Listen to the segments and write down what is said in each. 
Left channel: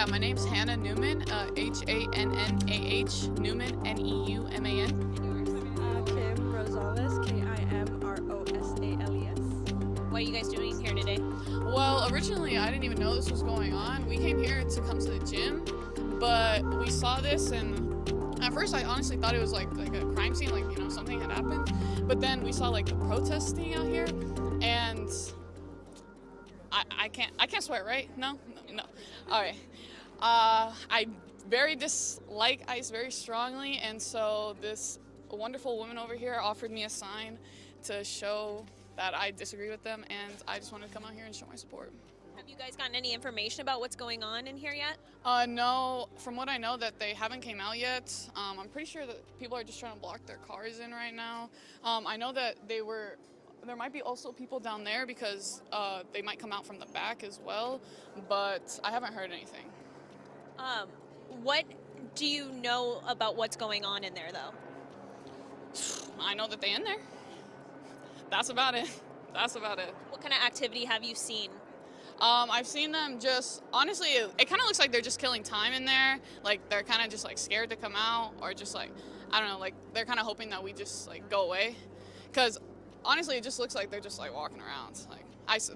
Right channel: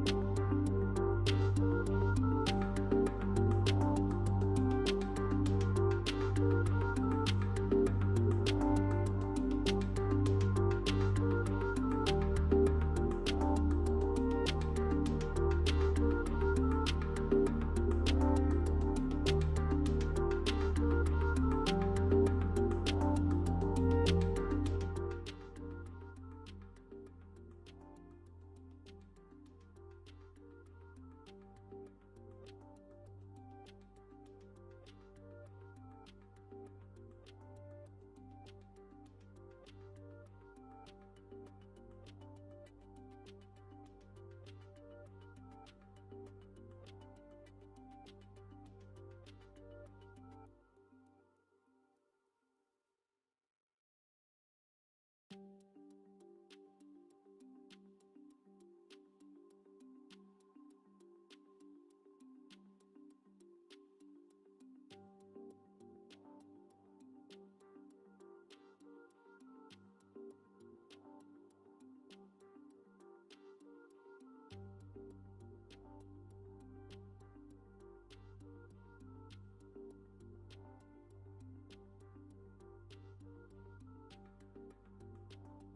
Yeah, my name's Hannah Newman, Hannah Newman, Neuman. Kim Rosales, Kimrosales. What are you guys doing here today? Well, originally I didn't even know this was going on. We came here to come to the gym, but we saw this, and at first I honestly thought it was like a crime scene, like, you know, something had happened. But then we saw like the protesting out here, and I can't swear, right? No. All right. I very dislike ICE very strongly, and so this wonderful woman over here offered me a sign to show that I disagree with them, and I just wanted to come out here and show my support. Have you guys gotten any information about what's going on in here yet? No, from what I know that they haven't came out yet. I'm pretty sure that people are just trying to block their cars in right now. I know that there might be also people down there because they might come out from the back as well, but I haven't heard anything. What do you know about what's going on in there, though? I know that they're in there. That's about it. What kind of activity have you seen? I've seen them just, honestly, it kind of looks like they're just killing time in there. Like, they're kind of just, like, scared to come out, or just, like, I don't know, like, they're kind of hoping that we just, like, go away. Because, honestly, it just looks like they're just, like, walking around. Like,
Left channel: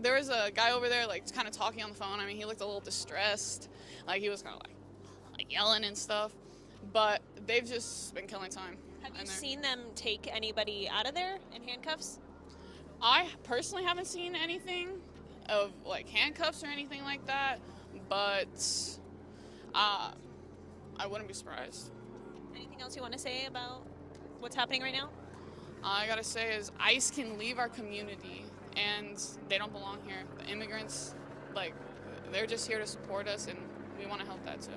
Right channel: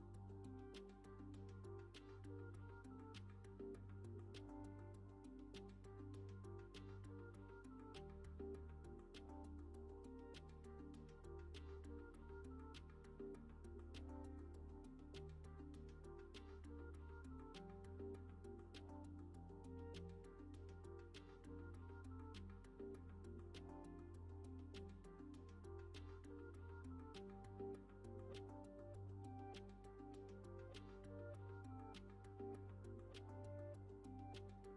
there was a guy over there, like, kind of talking on the phone. I mean, he looked a little distressed. Like, he was kind of, like yelling and stuff. But they've just been killing time. Have you seen them take anybody out of there in handcuffs? I personally haven't seen anything of like handcuffs or anything like that, but I wouldn't be surprised. Anything else you want to say about what's happening right now? I gotta say is ICE can leave our community, and they don't belong here. The immigrants, like, they're just here to support us, and we want to help that too.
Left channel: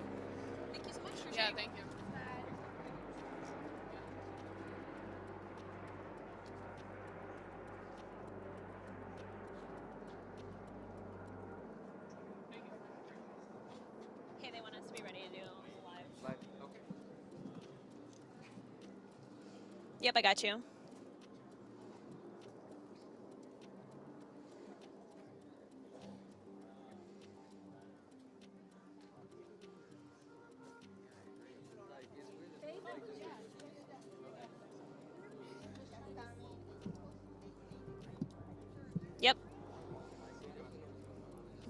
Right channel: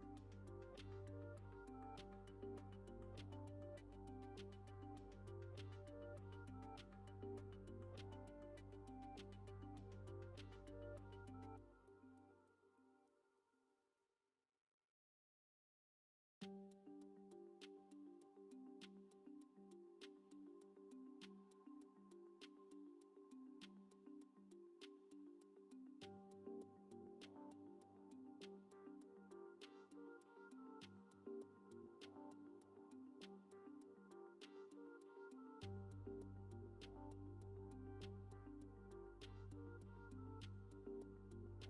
Thank you so much for Yeah, sharing. thank you. Okay, they want us to be ready to do live. Okay. Yep, I got you. Yep.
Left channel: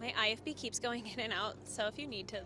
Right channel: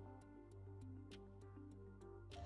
My IFB keeps going in and out, so if you need to.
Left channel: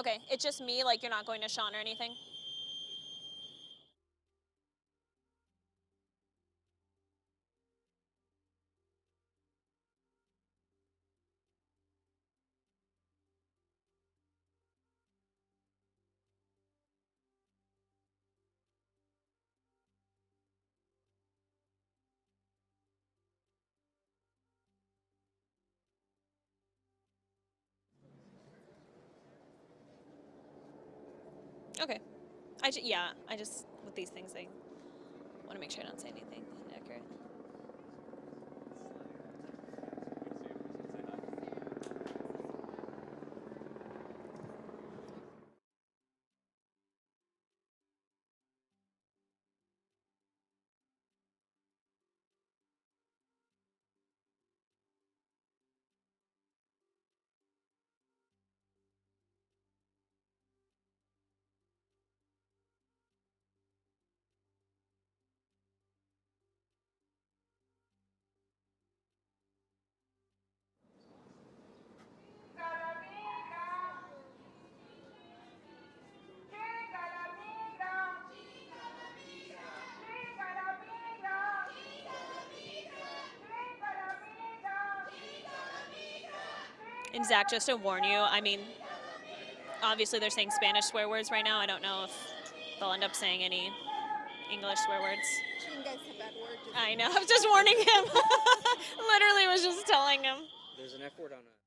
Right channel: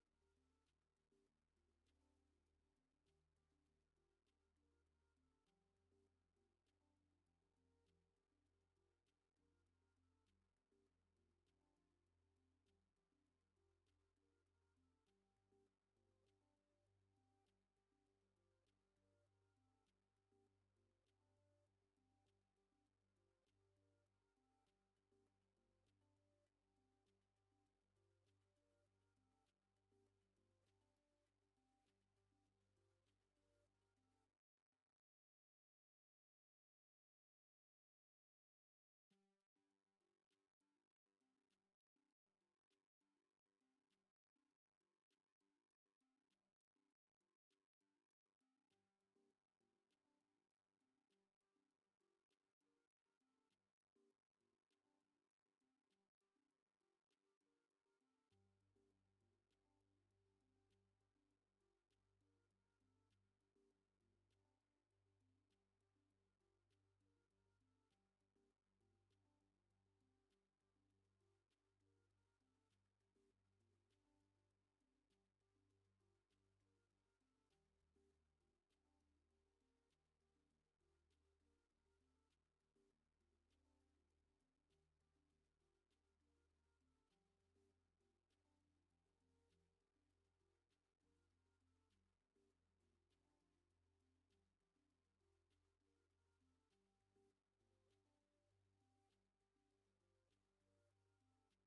Okay, it's just me, like you're not going to Sean or anything? Okay. I just, with these things, I want to make sure I don't say anything inaccurate. And Zach, just to warn you, I mean, obviously they're saying Spanish swear words right now. I don't know if they'll end up saying any English swear words. Shouldn't guys have bad word? I know. I was just warning him. Literally was just telling him. There's an F word on it.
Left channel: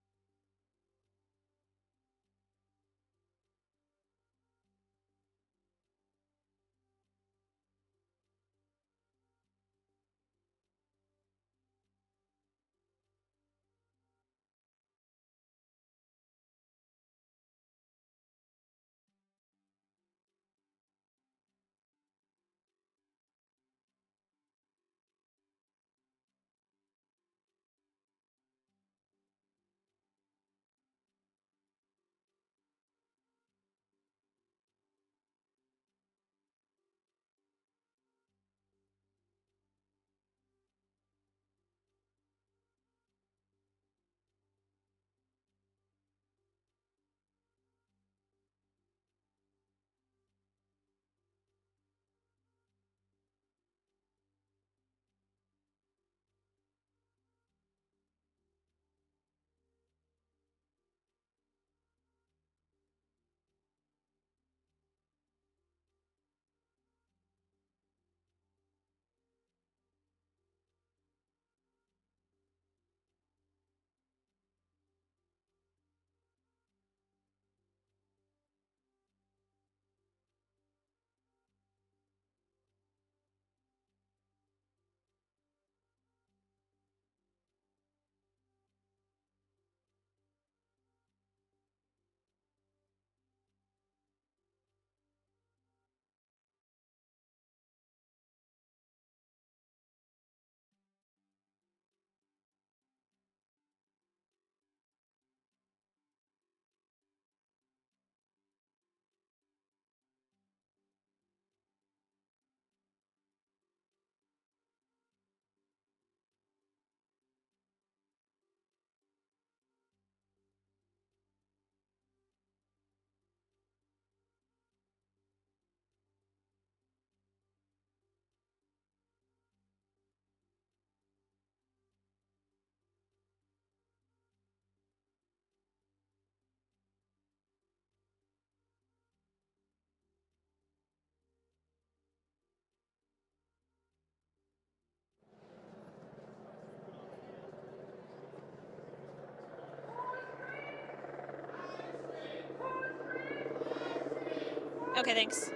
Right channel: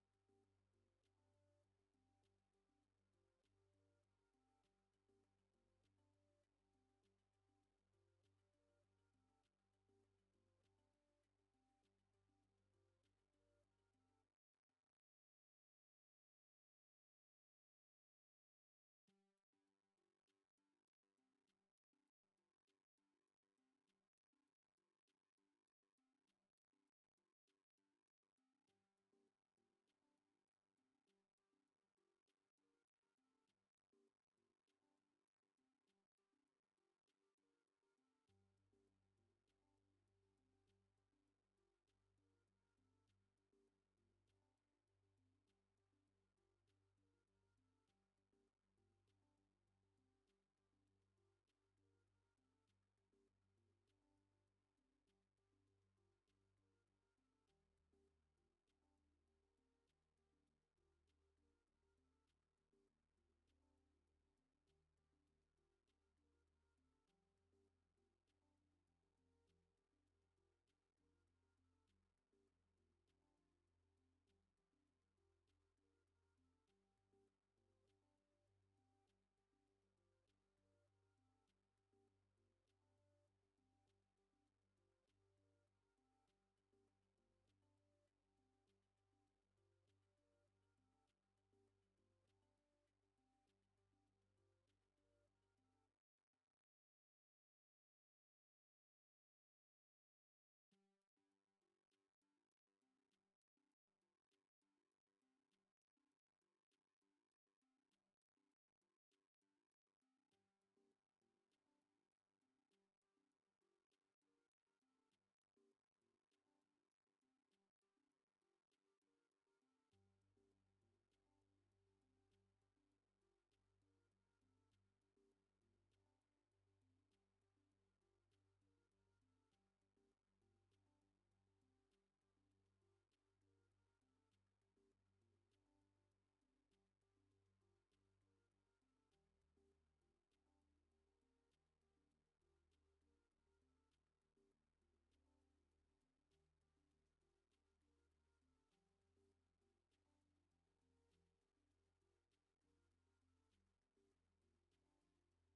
Okay, thanks.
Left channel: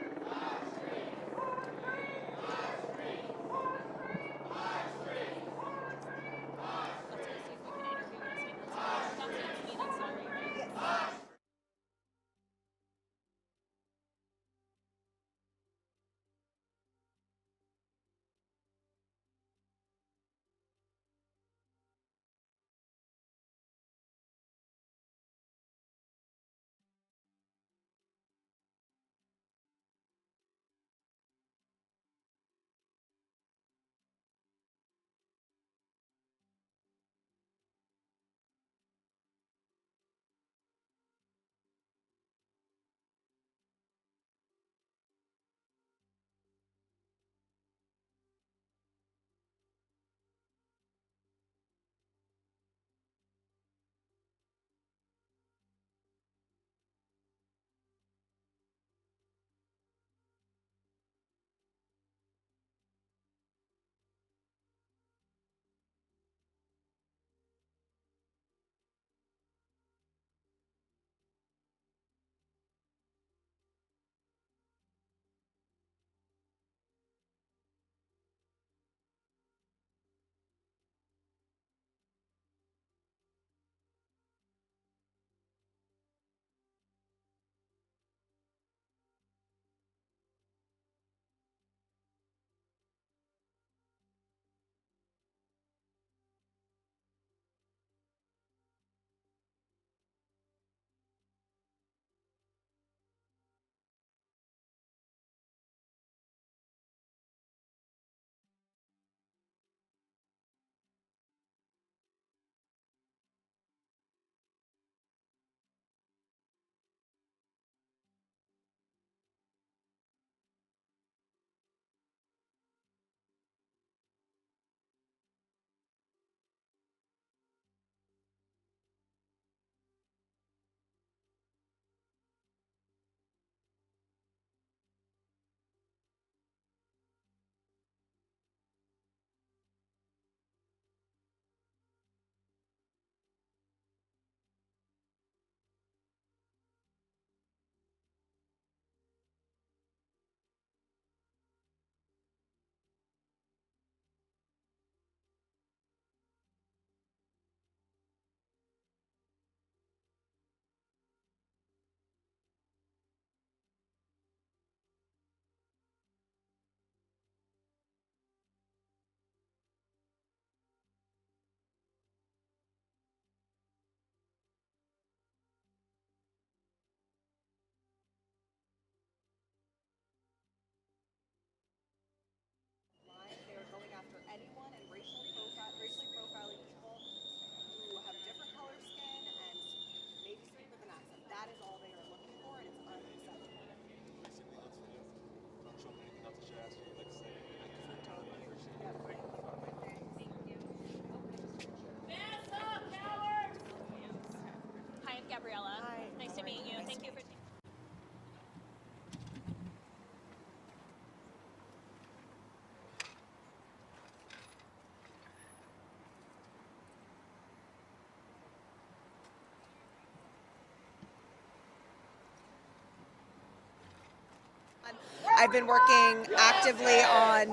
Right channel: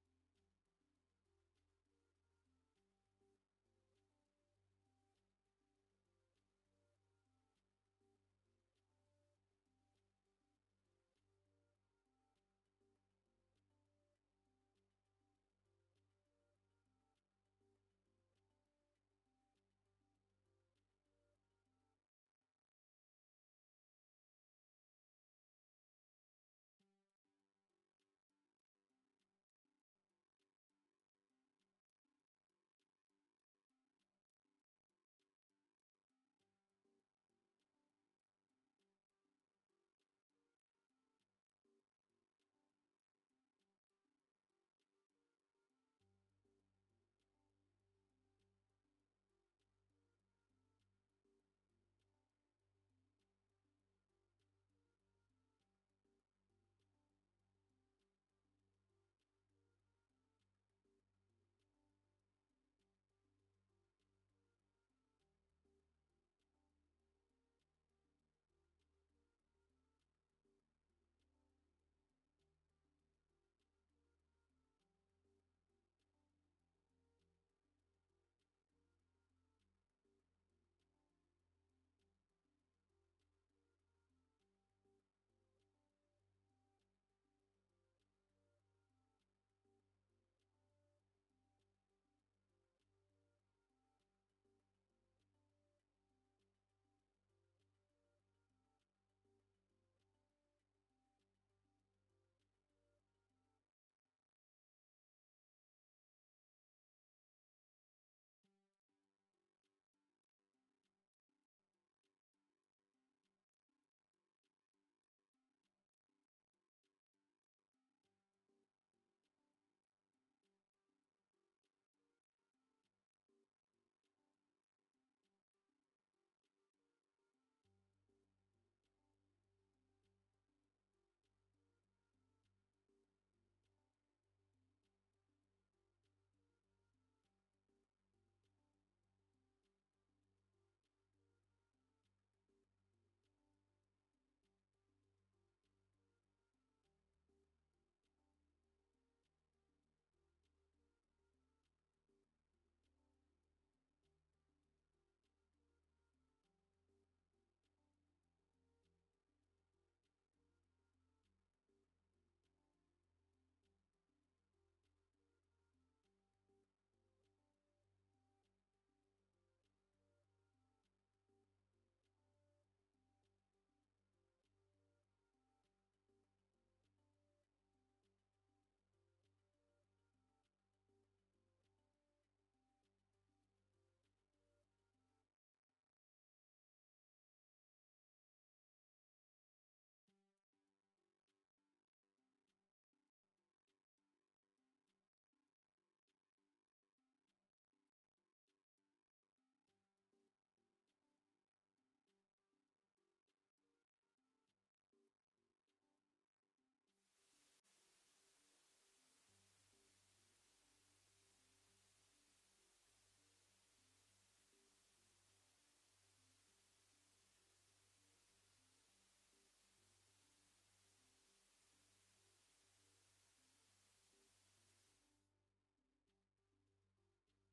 I've been working actively on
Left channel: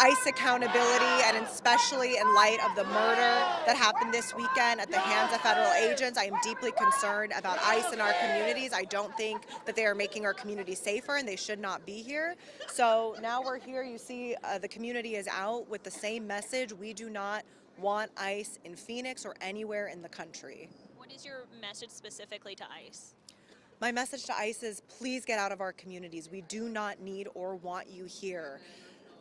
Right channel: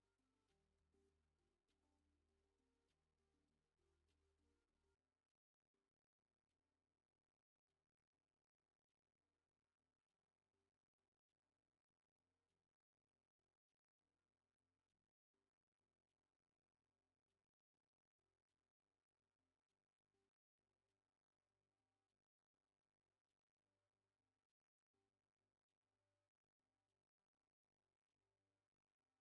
ICE accountability, and especially in light of the murder that happened this weekend at the hands of federal agents. I am deeply concerned about ICE in our communities. I don't think that they are making our communities safer, and they should not be here. So now we're here. You see the community is out with the same message. We do not want ICE in Phoenix or anywhere in the country. What is your message specifically to ICE? My message to ICE is please get out of our communities. We do not need or want you here.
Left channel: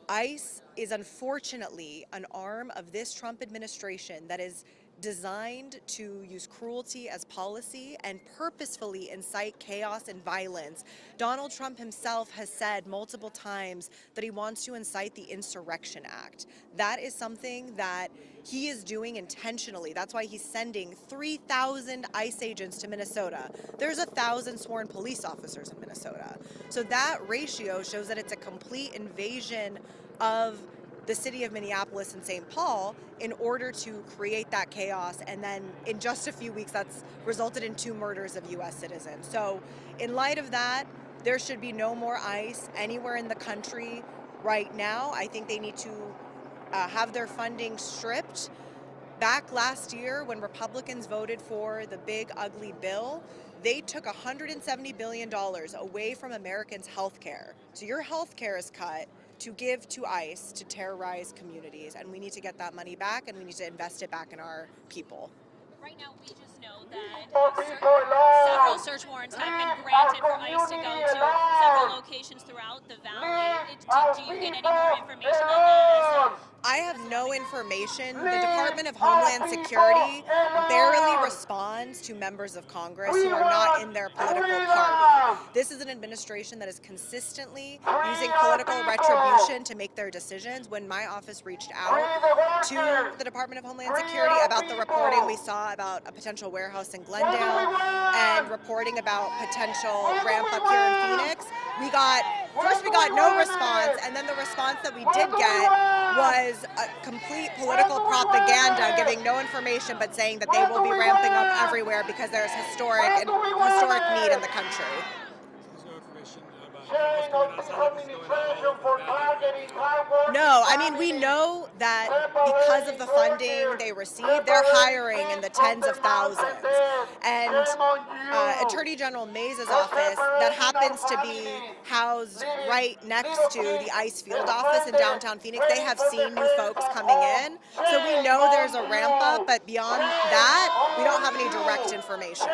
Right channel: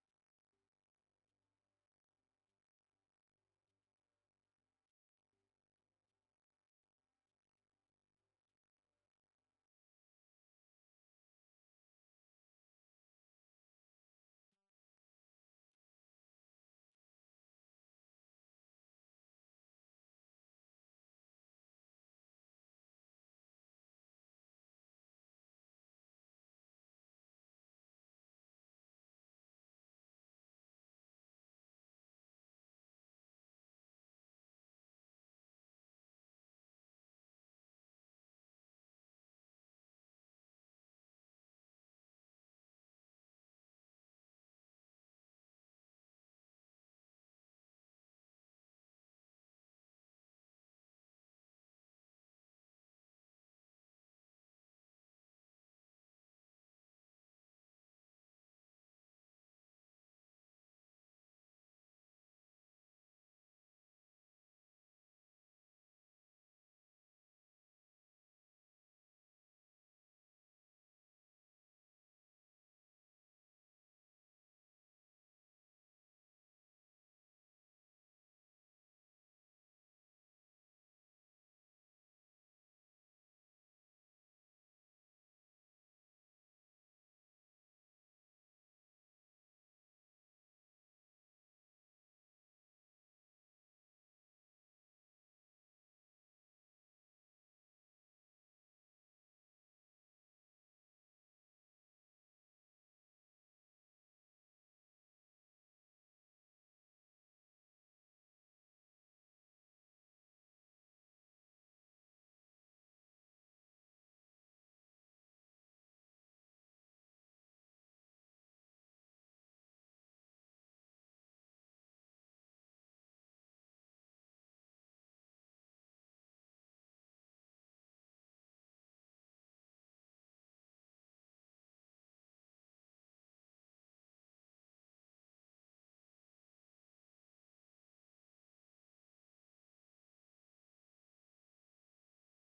ICE is unfortunately an arm of this Trump administration that is designed to use cruelty as policy and purposefully incite chaos and violence. Donald Trump himself has said multiple times that he wants to incite the Insurrection Act. That is something that he is doing intentionally. That's why he's sending 3,000 ICE agents to Minnesota. There's 1,000 sworn police officers in Minnesota. So that ratio shows that it's a complete invasion of the city of Minneapolis and St. Paul in order to create that chaos. And then in just a few weeks, that's resulted in 2 murders of U.S. citizens. So in light of that, there should be no more ICE anywhere in the country right now. I think they need to have their funding stripped. Back last year, when Republicans voted for the big, ugly bill, they took $170 billion away from Americans' health care. So your health care is cut to give to ICE to terrorize communities, and we need to get that money back, and we need to invest it back in our people. Right now, we just know that several search warrants have been granted for ICE to go to several locations throughout the valley. Do you get any more information on that? I have no information. The Department of Homeland Security barely responds to members of Congress who are not in their political party. This is an administration that is consistently using political retribution to make their decisions. When my office reached out to the Department of Homeland Security about the reporting we saw about a potential warehouse in Glendale and reporting about potential ramp up here in Phoenix, we got no response, and then the response that we did get was a complete political propaganda, giving no information but saying that they will be ramping up everywhere because there's historic need in the country. No, I mean, we know that because of the funding they receive, they're hiring in the tens of thousands. And Attorney General Mays' office, that happens to be housed right next to the ICE field office in downtown Phoenix, they have seen new folks coming in. So we know there's a ramp up, but beyond that, we don't have any direct information.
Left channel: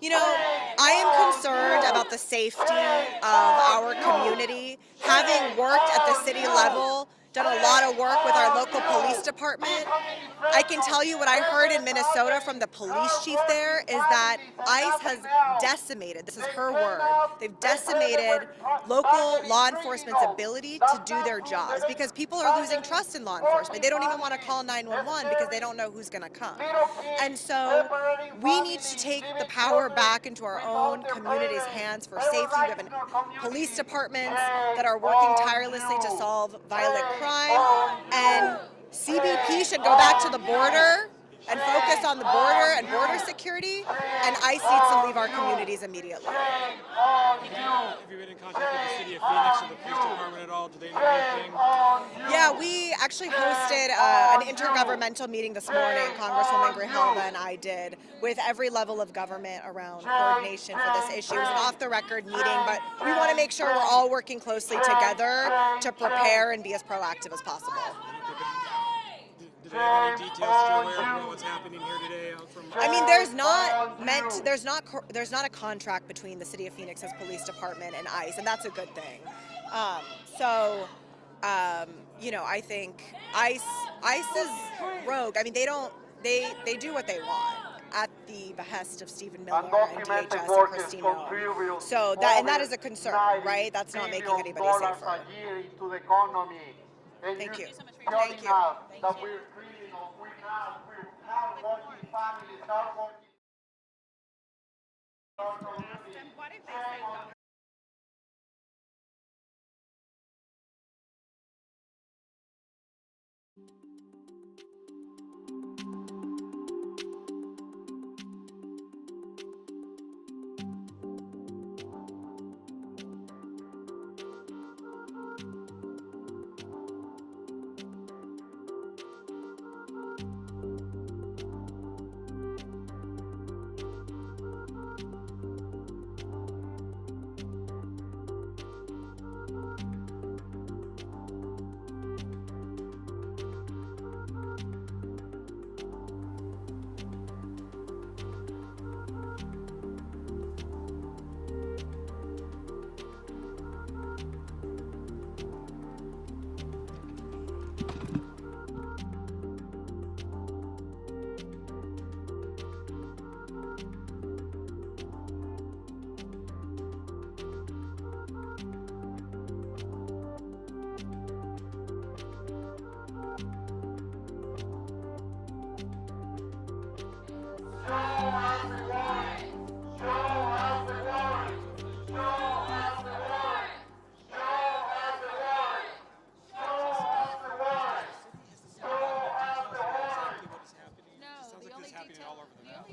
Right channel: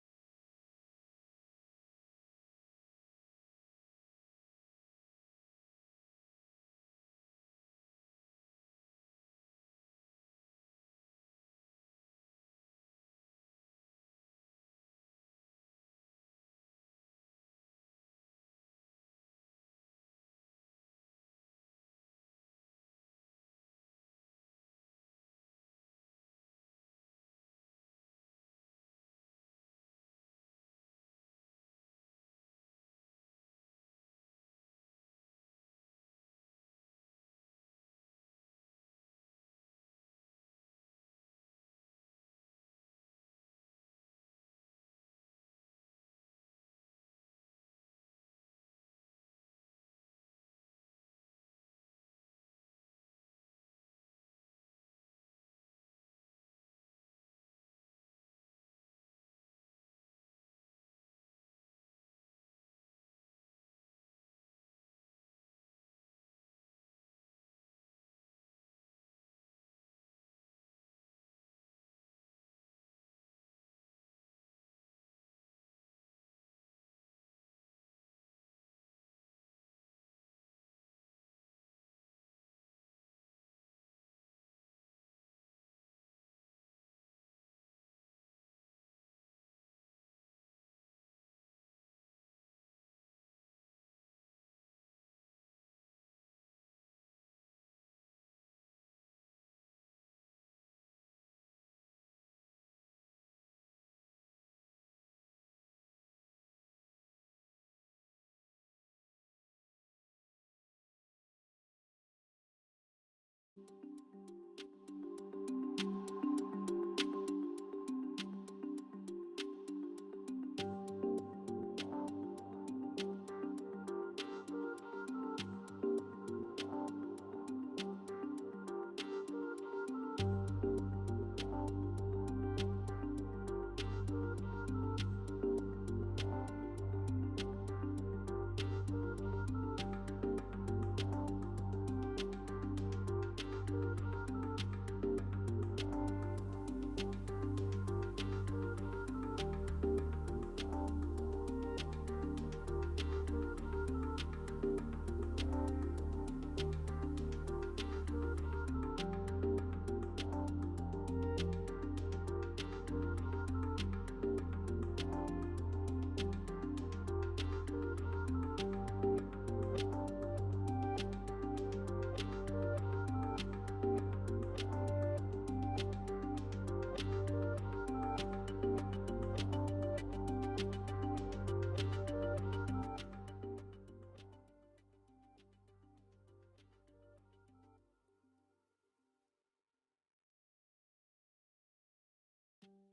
You know, I am concerned about the safety of our community. Having worked at the city level, done a lot of work with our local police department, I can tell you what I heard in Minnesota from the police chief there is that ICE has decimated, this is her word, they've decimated local law enforcement's ability to do their jobs because people are losing trust in law enforcement. They don't even want to call 911 because they don't know who's going to come. And so we need to take the power back into our own community's hands for safety. We have police departments that are working tirelessly to solve violent crime, and CBP should go back to the border and focus on the border and border security, and ICE needs to leave our communities immediately. Have you been in contact with the city of Phoenix or the police department at all? Do they know anything? Yeah, we actually hosted an intergovernmental meeting this morning, Congresswoman Grijalva and I did, with every level of government around coordination for this issue. It was an off-the-record meeting, but we want to make sure we're all working closely together to prepare and be as proactive as possible. Do they have any details to aware of what's happening here today? I mean, there's not a contract between the City of Phoenix's police department and ICE, and that's a good thing. You know, I think ICE is rogue. I mean, they do what they want at the behest of Stephen Miller and DHS and Christine Noem. So that is a concern, right? That's not making anybody safer. Thank you. Thank you.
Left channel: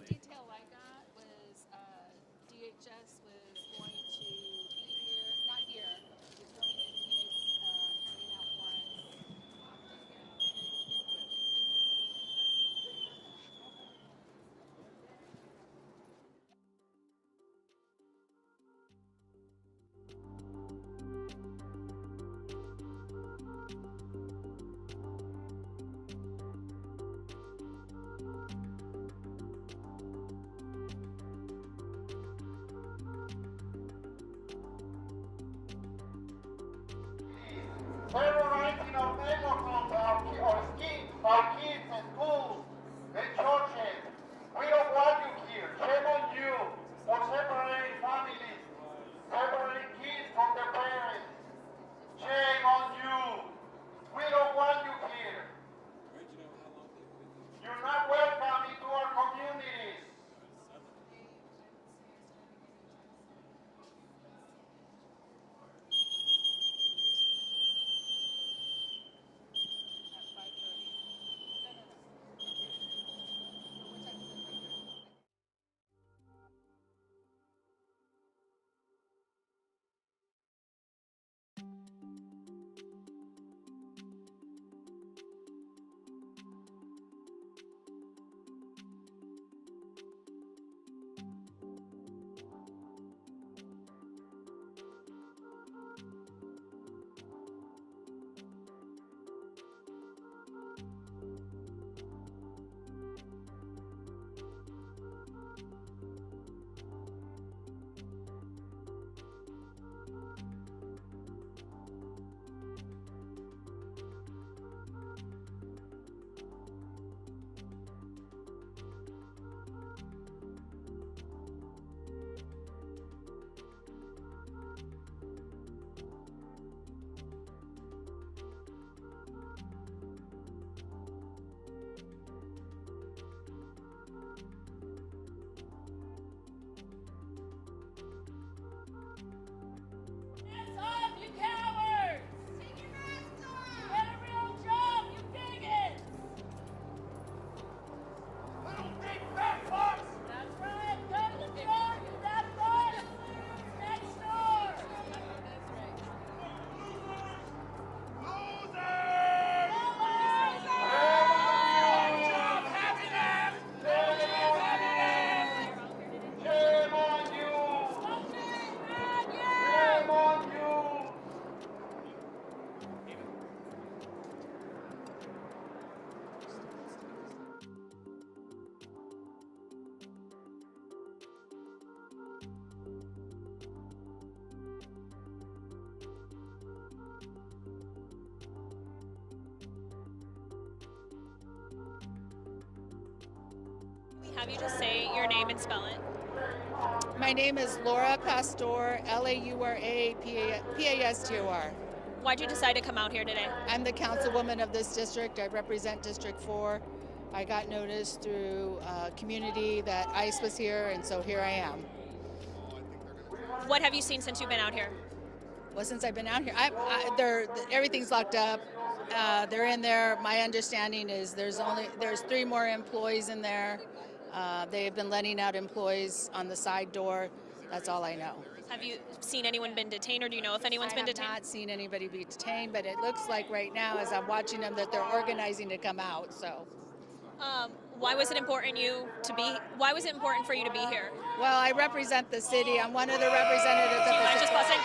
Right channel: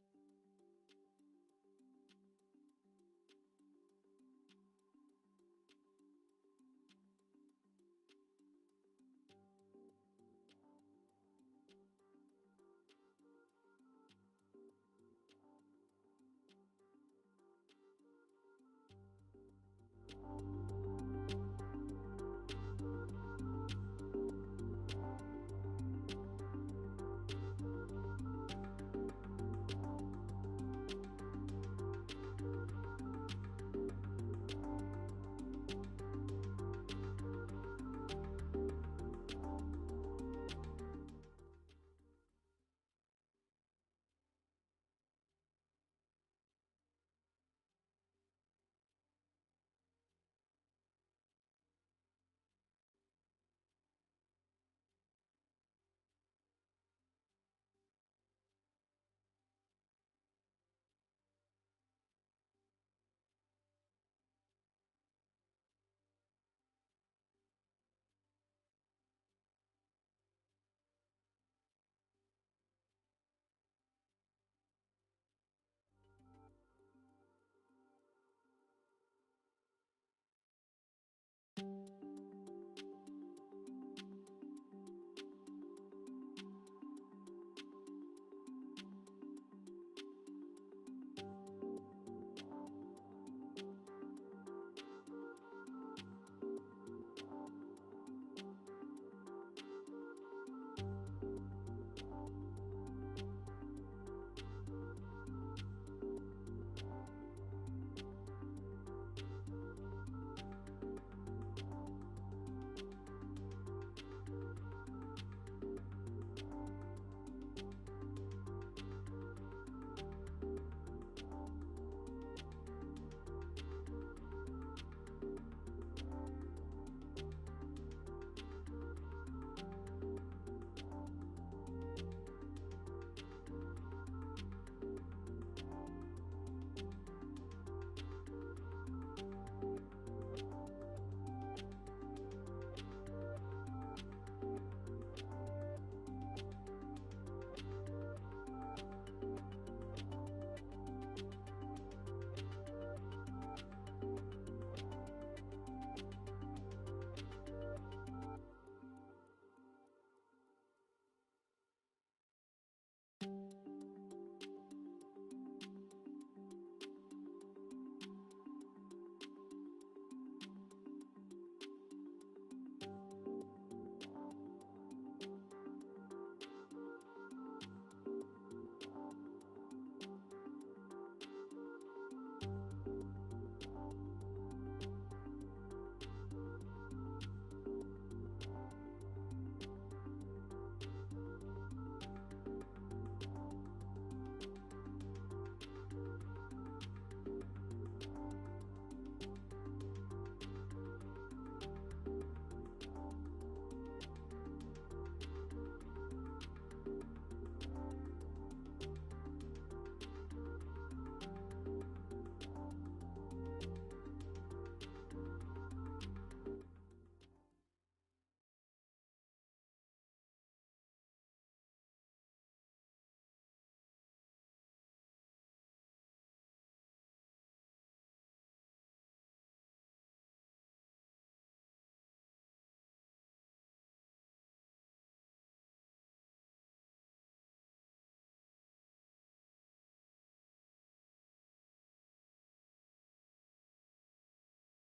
Detail I got was DHS was going to be here, not here, was going to be handing out warrants. Terrorizing our neighborhoods, our kids in schools, in churches. We don't want you here. Shame on you for separating families, separating kids from their parents. Shame on you. We don't want you here. You're not welcome into our communities. Have you just say your name and spell it? My name is Laura Pastor, Laura-Pastor. Why'd you decide to come out here today? I'm the councilwoman of this district. I represent District 4. I got notice through a community that ICE was here, and so here I am. What have you seen since you've been out here? Well, since I've been out here, everything's locked up. They're in there. My understanding is there's 3 more employees in there. They have been letting out employees on the side door. That's all I know. Have you seen anyone been detained, or do you know if anyone's been detained? I have not seen anybody be detained, but it looks like right now, as I'm watching them, that they're organizing to come out. So, why was it important Why was it important for you to be here? Well, I represent the city. I'm one of the representatives. Do you mind just busting?